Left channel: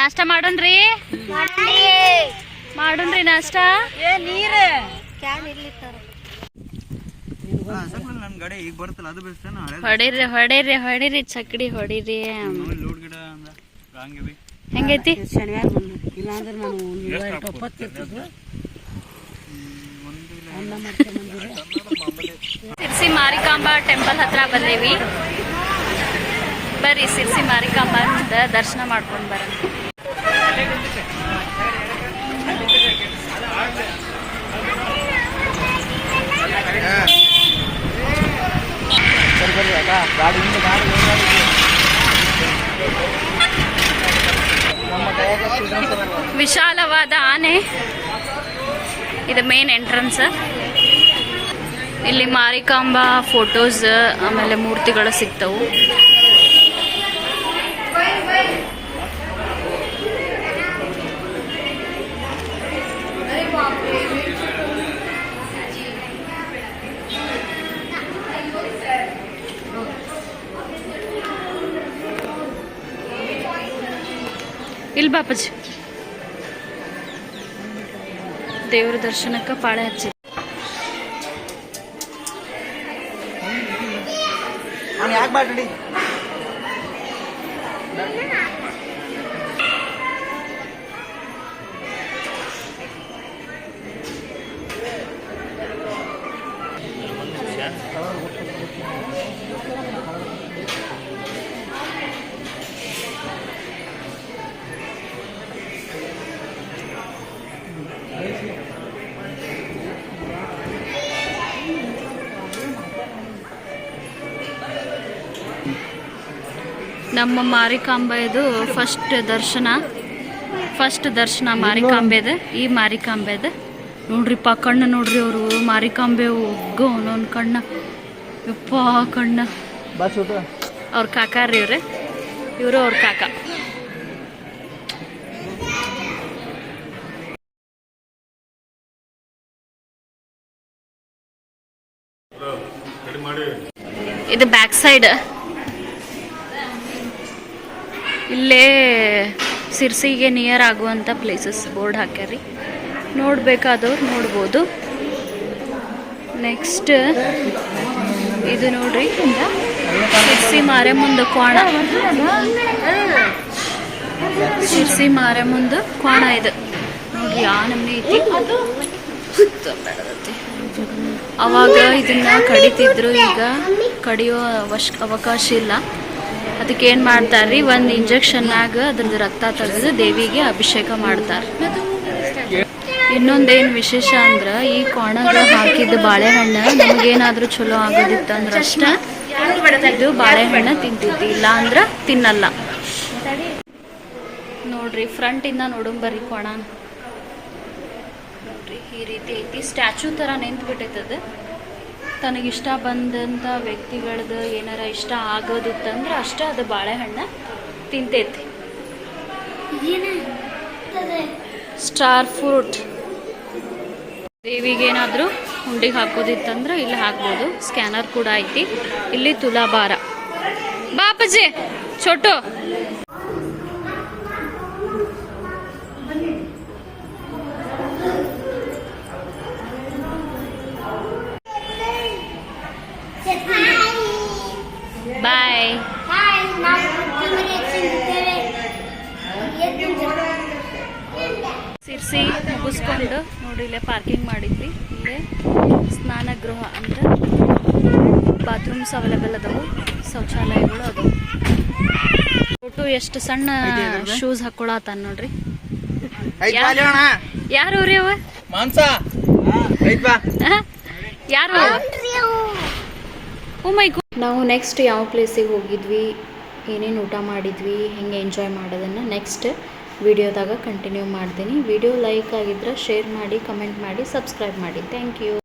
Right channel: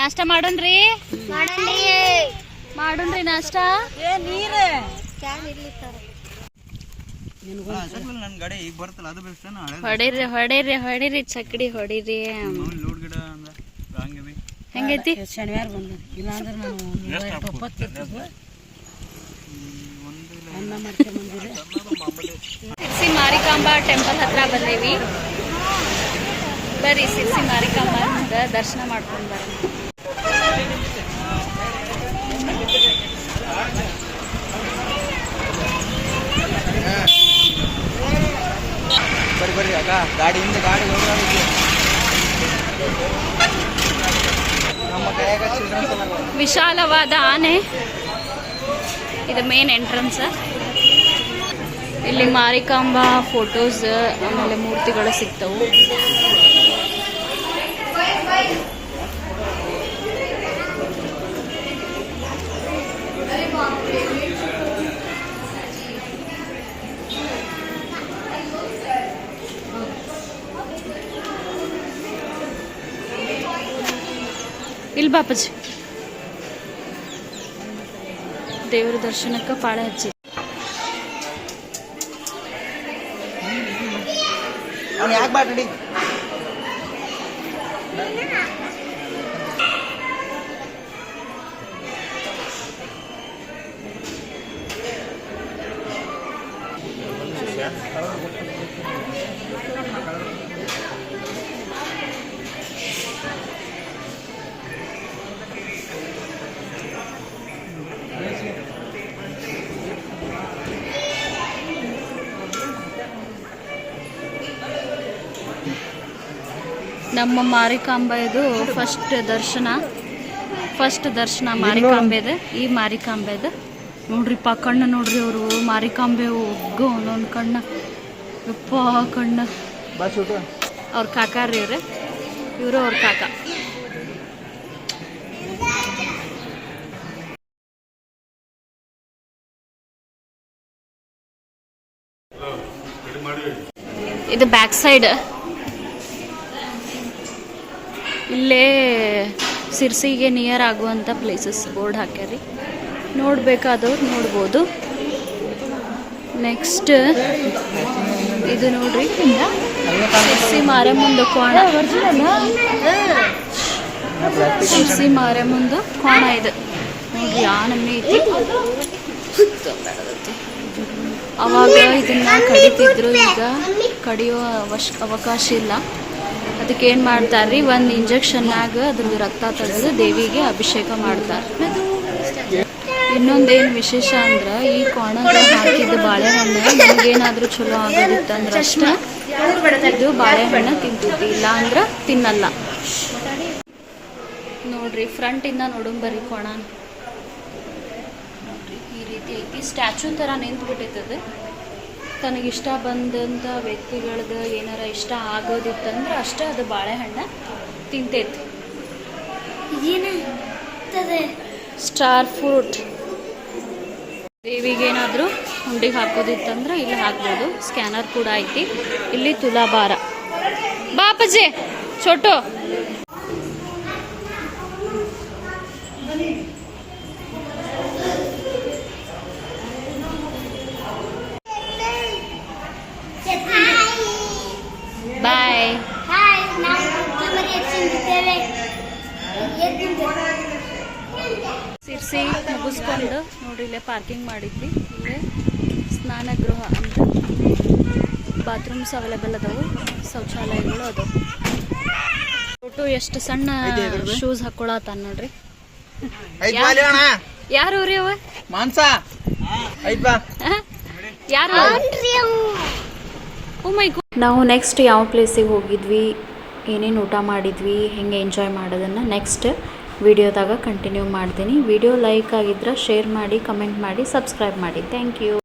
ನಾಷ್ಟ ಮಾಡೋಣ್ರಿ ಮಾಡೋಣ್ರಿ ನಾಷ್ಟ ಹೊಡಿರಿ ಹೊಡಿರಿ ಹೊಡಿರಿ ಚಕಡಿ ಹೊಡಿರಿ ಹೆಂಗೈತಿ ಸಿರ್ಸಿ ಮಾರಿಕಾಂಬಾ ಟೆಂಪಲ್ ಹತ್ರ ಬಂದೇವಿ ಬರ್ರಿ ಸಿರ್ಸಿ ಮಾರಿಕಾಂಬಾ ದರ್ಶನ ಮಾಡ್ಕೊಂಡು ಬರೋಣ ವಿಶಾಲವಾದ ಆನೆ ಇದು ಮೇನ್ ಎಂಟ್ರನ್ಸ್ ಇಲ್ಲಿ ಮಾರಿಕಾಂಬಾ ಫೋಟೋಸ್ ಆಮೇಲೆ ಮೂರ್ತಿಗಳು ಸಿಗ್ತವು ಇಲ್ಲಿ ಬಾಪಜಿ ದೇವರ ದರ್ಶನಕ್ಕೆ ಪಾಳೆ ಹಚ್ಚಿ ನಮ್ಮ ಮಾರಿಕಾಂಬೆದು ಫಸ್ಟ್ ದರ್ಶನ ಮಾರಿಕಾಂಬೆದು ಈ ಮಾರಿಕಾಂಬೆದು ನೋಡ್ರಿಪ್ಪ ಕಣ್ಣು ನೋಡ್ರಿ ಅವರು ಮಾರಿಕಾಂಬೆ ಒಗ್ಗು ಅವನೊಂದು ಕಣ್ಣ ಯಪ್ಪ ಕಣ್ಣ ಅವ್ರ ಕಾಕಾರ್ರಿ ಇವರು ಅವ್ರ ಕಾಕ ಇದು ಬ್ಯಾಕ್ ಸೈಡ್ ಇಲ್ಲೇ ಸಿರ್ಸಿಗೆ ನಿಯರ್ ಆಗುವಂಥ ಪ್ಲೇಸಸ್ ಬೋರ್ಡ್ ಹಾಕ್ಯಾರಿ ನೋಡ್ಬೇಕಾದವ್ರು ನೋಡ್ಬೋದು ನೆಕ್ಸ್ಟ್ ಇದು ನೋಡ್ರಿ ಸಿರ್ಸಿ ಮಾರೆಮುಂದು ಕೋಣ ಸಿರ್ಸಿ ಮಾರೆಮುಂದು ಕೋಣ ಇದು ನೋಡ್ರಿ ಆ ನಮ್ನಿ ಅವಾಗ ಇದನ್ನ ಕಡಿತಿದ್ರು ಈಗ ಕಡಿಯೋ ಅವಕಾಶ ಇಲ್ಲ ಅದಕ್ಕೆ ಏನು ಮಾಡ್ತಾರ್ರಿ ಒಂದು ಇಂಜೆಕ್ಷನ್ನಾಗ ಅದ್ರದ್ದು ರಕ್ತ ತೆಗೆದು ದೇವಿಗೆ ಅಭಿಷೇಕ ಮಾಡ್ತಾರೆ ಇನ್ನೊಂದೇನು ವಿಶೇಷ ಅಂದ್ರೆ ಈ ಕೋಣಗ ಹಾಕಿದ ಬಾಳೆಹಣ್ಣು ನಮಗೇನಾದ್ರೂ ಚಲೋ ಆಗೋದಿತ್ತಂದ್ರೆ ಅಷ್ಟೇ ಇದು ಬಾಳೆಹಣ್ಣು ತಿಂತಿದ್ವಿ ಇಲ್ಲ ಅಂದ್ರೆ ತಿನ್ನಲ್ಲ ನೋಡ್ರಿ ಫ್ರಂಟಿಂದ ನೋಡಂಬರ್ರಿ ಕೋಣ ನೋಡ್ರಿ ಈ ರೀತಿ ಐತಿ ಸ್ಟ್ಯಾಚು ಥರ ನಿಂತು ಬಿಟ್ಟೈತದ ತನಗಿಷ್ಟ ಬಂದಂಥ ವ್ಯಕ್ತಿಗಳದ್ದು ಏನಾರ ಇಷ್ಟ ಆಗೋದಿತ್ತಂದ್ರೆ ಅಷ್ಟೇ ಅದು ಬಾಳೆಹಣ್ಣು ತಿಂತೈತಿ ಸ್ಟಾರ್ ಫ್ರೂಟ್ ದೇವಿಗೇನಾದರೂ ಹುಂಡಿಗೆ ಹಾಕೋದಿತ್ತಂದ್ರೆ ಇಲ್ಲಿ ಹಾಕ್ಬೋದು ಸ್ಕ್ಯಾನರ್ ಕೂಡ ಐತಿ ಇಲ್ಲಿ ತುಲಾಭಾರ ಬಾಪಜಿ ಚೋಟು ಬಾಯ್ ಸಿರ್ಸಿ ಮುಗಿಸ್ಕೊಂಡು ನೋಡಿ ಇಲ್ಲೇ ಪಾರ್ಕಿಂಗ್ ಮಾಡಿದ್ವಿ ಇಲ್ಲೇ ಸ್ನಾನಗೃಹ ಅಂತ ಬಾತ್ರೂಮ್ಸ್ ಅವೈಲೇಬಲ್ ಅದಾವು ಶೌಚಾಲಯಗಳು ಅದಾವು ಫೋಟೋ ಎಷ್ಟು ಸಣ್ಣ ಶೂಸ್ ಹಾಕೊಳತಾನ ನೋಡ್ರಿ ಯಾರು ರೀ ಅವ ಯಾರು ನಾವು ನೆಕ್ಸ್ಟ್ ಯಾವ ಪ್ಲೇಸಿಗೆ ಹೋಗಿದ್ವಿ ಏನೇನು ಊಟ ಮಾಡಿದ್ವಿ ಹೆಂಗೆ ಎಂಜಾಯ್ ಮಾಡೋದನ್ನು ನೆಕ್ಸ್ಟ್ ವಿಡಿಯೋದಾಗ ಕಂಟಿನ್ಯೂ ಮಾಡ್ತೀನಿ ವಿಡಿಯೋ ಲೈಕ್ ಆಗಿದ್ರೆ ಶೇರ್ ಮಾಡಿ ಕಮೆಂಟ್ ಮಾಡಿ ಸಬ್ಸ್ಕ್ರೈಬ್ ಮಾಡಿ ಥ್ಯಾಂಕ್ ಯು